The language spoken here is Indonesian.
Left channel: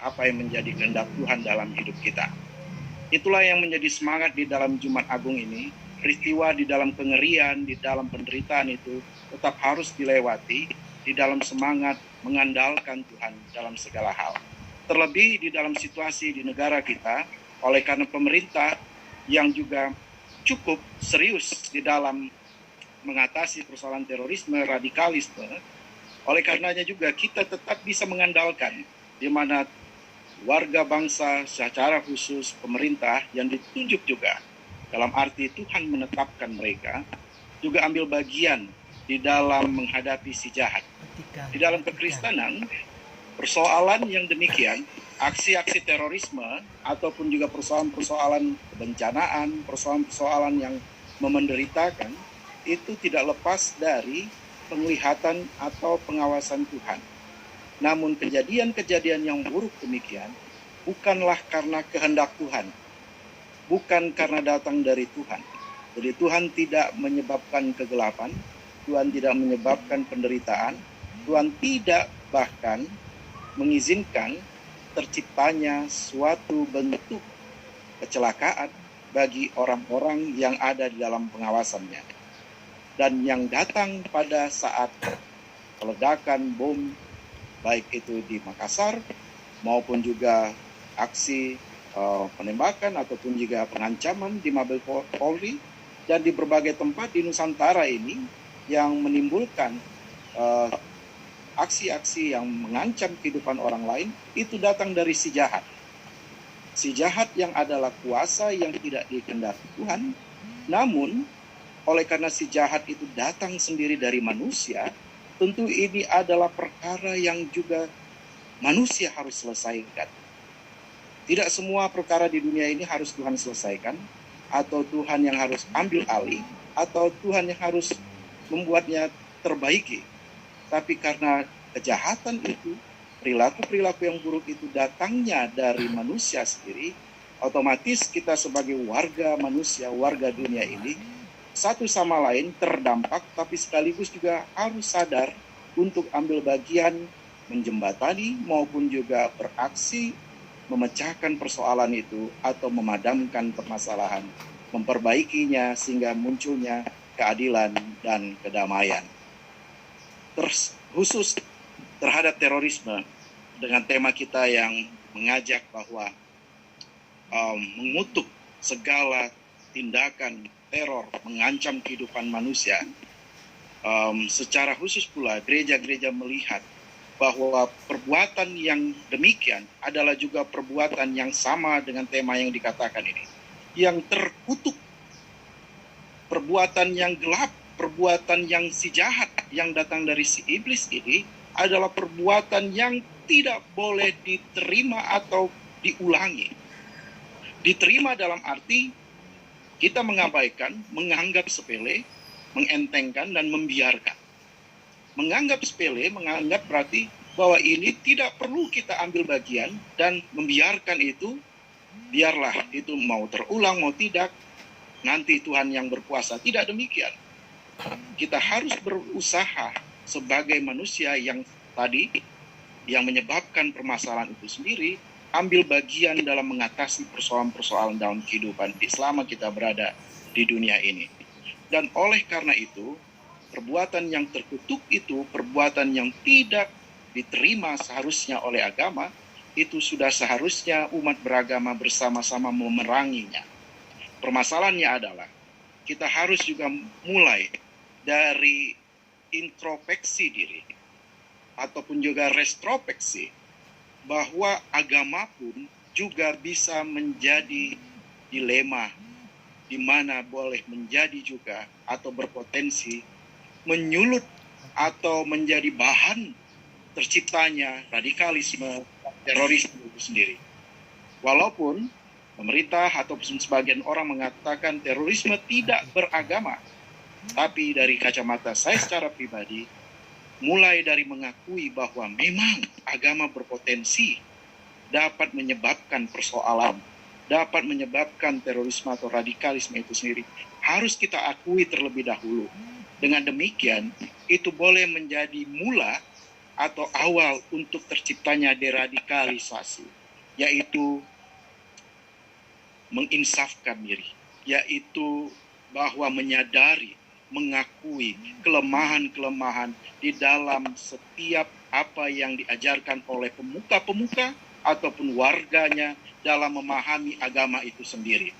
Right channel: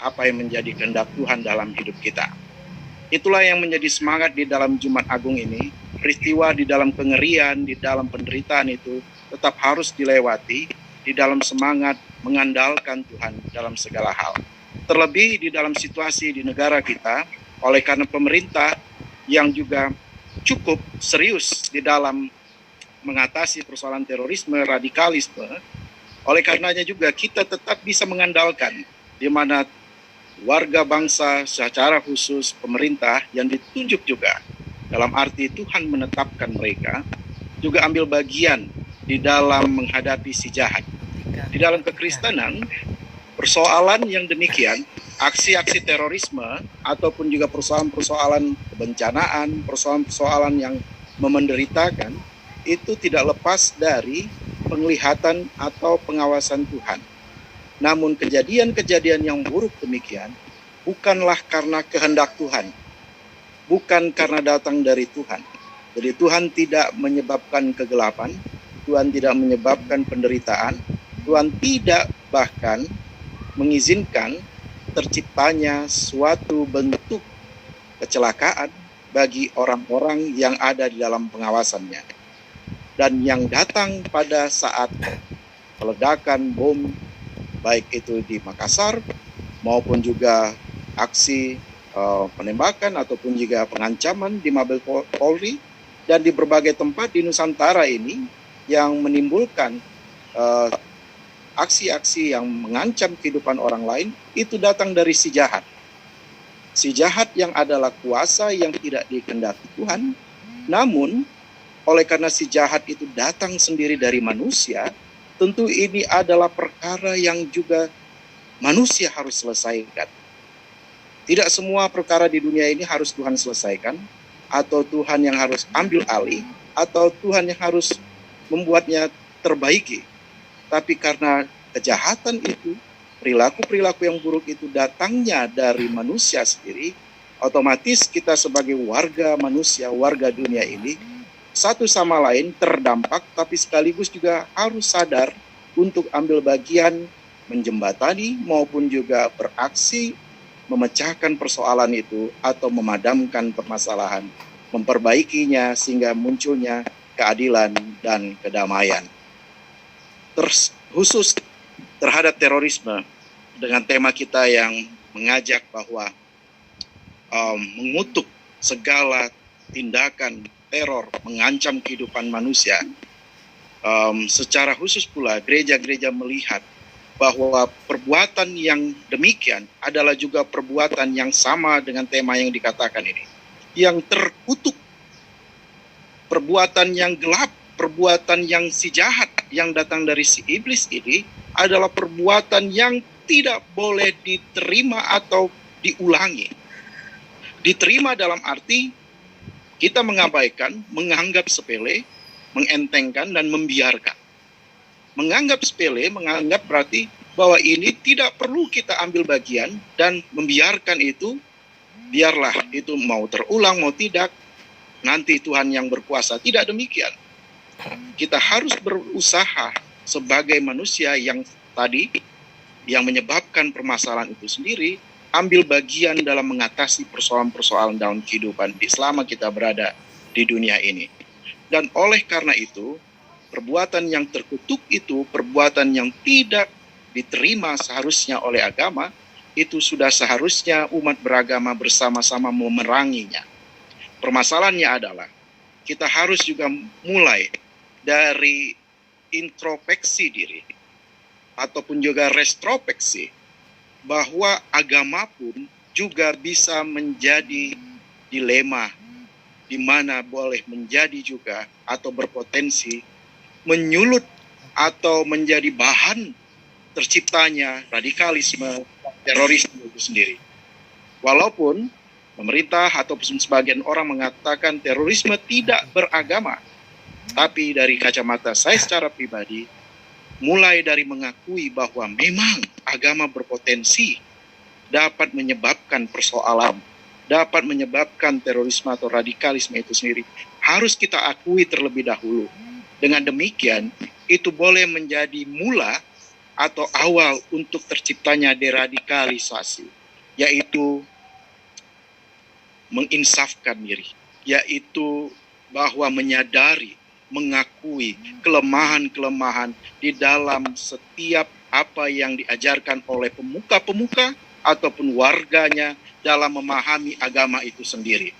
apa yang menjadi kehendak Tuhan dalam hidup kita. Itulah yang menjadi semangat di dalam Jumat Agung ini. Peristiwa di dalam kengerian, di dalam penderitaan itu tetap harus dilewati di dalam semangat mengandalkan Tuhan dalam segala hal. Terlebih di dalam situasi di negara kita, oleh karena pemerintah yang juga cukup serius di dalam mengatasi persoalan terorisme, radikalisme, oleh karenanya juga kita tetap bisa mengandalkan di mana warga bangsa secara khusus pemerintah yang ditunjuk juga dalam arti Tuhan menetapkan mereka juga ambil bagian di dalam menghadapi si jahat. Di dalam kekristenan, persoalan yang demikian, aksi-aksi terorisme ataupun juga persoalan-persoalan kebencanaan, persoalan-persoalan yang memenderitakan itu tidak lepas dari penglihatan atau pengawasan Tuhan. Namun kejadian-kejadian yang buruk demikian bukanlah karena kehendak Tuhan, bukan karena datang dari Tuhan. Jadi Tuhan tidak menyebabkan kegelapan, Tuhan tidak menyebabkan penderitaan, Tuhan tidak bahkan mengizinkan terciptanya suatu bentuk kecelakaan bagi orang-orang yang ada di dalam pengawasannya. Dan yang datang pada saat peledakan bom, baik itu di Makassar maupun juga aksi penembakan ataupun juga pengancaman di Mabes Polri dan di berbagai tempat di Nusantara ini yang menimbulkan aksi-aksi yang mengancam kehidupan orang lain itu datang dari si jahat. Si jahat yang adalah kuasa yang tidak dikehendaki Tuhan, namun oleh karena si jahat itu datang sendiri dari manusia, tentu ini adalah perkara yang juga manusia harus selesaikan. Tidak semua perkara di dunia ini harus Tuhan selesaikan, atau Tuhan yang harus ambil alih, atau Tuhan yang harus membuatnya terbaiki. Tapi karena kejahatan itu, perilaku-perilaku yang buruk itu datangnya dari manusia sendiri, otomatis kita sebagai warga manusia, warga dunia ini, satu sama lain terdampak, tapi sekaligus juga harus sadar untuk ambil bagian menjembatani maupun juga beraksi memecahkan persoalan itu atau memadamkan permasalahan, memperbaikinya sehingga munculnya keadilan dan kedamaian. Khusus terhadap terorisme dengan tema kita yang mengajak bahwa mengutuk segala tindakan teror mengancam kehidupan manusia. Secara khusus pula gereja-gereja melihat bahwa perbuatan yang demikian adalah juga perbuatan yang sama dengan tema yang dikatakan ini. Yang terkutuk, perbuatan yang gelap, perbuatan yang si jahat yang datang dari si iblis ini adalah perbuatan yang tidak boleh diterima atau diulangi. Diterima dalam arti kita mengabaikan, menganggap sepele, mengentengkan, dan membiarkan. Menganggap sepele, menganggap berarti bahwa ini tidak perlu kita ambil bagian dan membiarkan itu, biarlah itu mau terulang, mau tidak, nanti Tuhan yang berkuasa. Tidak demikian. Kita harus berusaha sebagai manusia yang tadi, yang menyebabkan permasalahan itu sendiri, ambil bagian dalam mengatasi persoalan-persoalan dalam kehidupan selama kita berada di dunia ini. Dan oleh karena itu, perbuatan yang terkutuk itu, perbuatan yang tidak diterima seharusnya oleh agama, itu sudah seharusnya umat beragama bersama-sama memeranginya. Permasalahannya adalah, kita harus juga mulai dari introspeksi diri, ataupun juga retrospeksi, bahwa agama pun juga bisa menjadi dilema, di mana boleh menjadi juga atau berpotensi menyulut atau menjadi bahan terciptanya radikalisme, terorisme itu sendiri. Walaupun pemerintah ataupun sebagian orang mengatakan terorisme tidak beragama, tapi dari kacamata saya secara pribadi, mulai dari mengakui bahwa memang agama berpotensi dapat menyebabkan persoalan, dapat menyebabkan terorisme atau radikalisme itu sendiri, harus kita akui terlebih dahulu. Dengan demikian, itu boleh menjadi mula atau awal untuk terciptanya deradikalisasi, yaitu menginsafkan diri, yaitu bahwa menyadari, mengakui kelemahan-kelemahan di dalam setiap apa yang diajarkan oleh pemuka-pemuka ataupun warganya dalam memahami agama itu sendiri.